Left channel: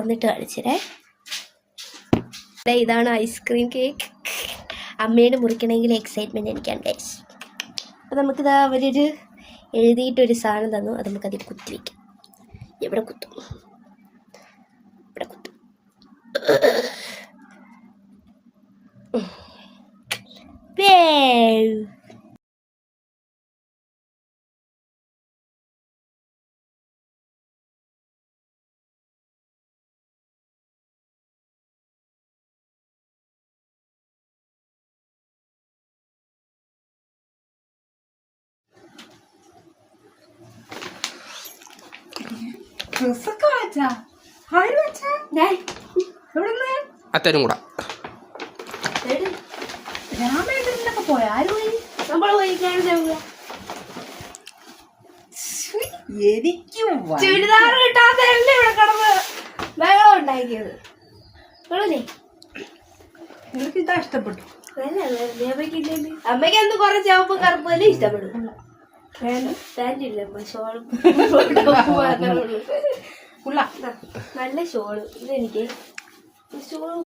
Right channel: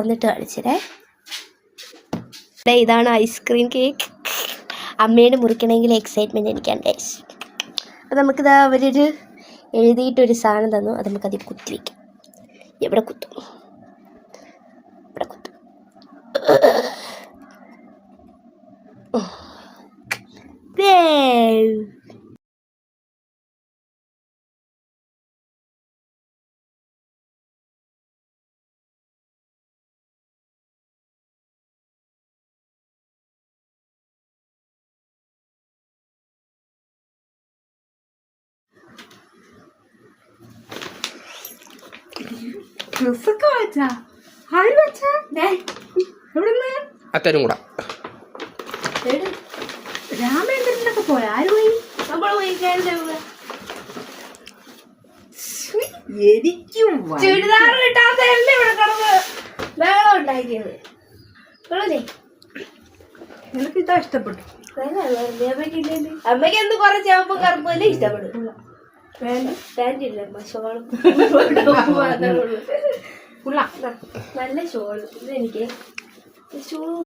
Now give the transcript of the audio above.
തുറന്നിട്ട് കാണിച്ചേ. ഇതാണ് ഐസ്ക്രീം കേക്ക്. അമ്മയുടെ മുറിക്കണമെങ്കിൽ എക്സൈറ്റ്മെൻറ്റ് എനിക്കാണ് ഗൈസ്. അപ്പോൾ നമുക്കിതാ അവരൊരു എഴുതിയിട്ടൊരു സാധനം തന്നു. അത് നമുക്കതിൽ കുത്തി വയ്ക്കാം. എവിടെ കുത്തും? ഇവിടെ കുത്തും. അച്ഛനും കൂടെ രാമേന്ദ്രനൊക്കെ പോയ ആര് പോയി? നമ്മൾ പോയി എനിക്കും ചുരിദാർ കിട്ടാത്തല്ലേ ഇവിടെ കിടന്ന് വേളം ഉണ്ടാക്കിയത്. നിനക്ക് ഇതാ ഇഷ്ടപ്പെട്ടു. അമ്മയ്ക്ക് എന്ത് കുറെ ചുവപ്പും കറുപ്പല്ലേ ഇഷ്ടപ്പെടും. പാൻറ്റില്ല ഷോളും നല്ല ഷോള്. ഇതെനിക്ക് ഷോള്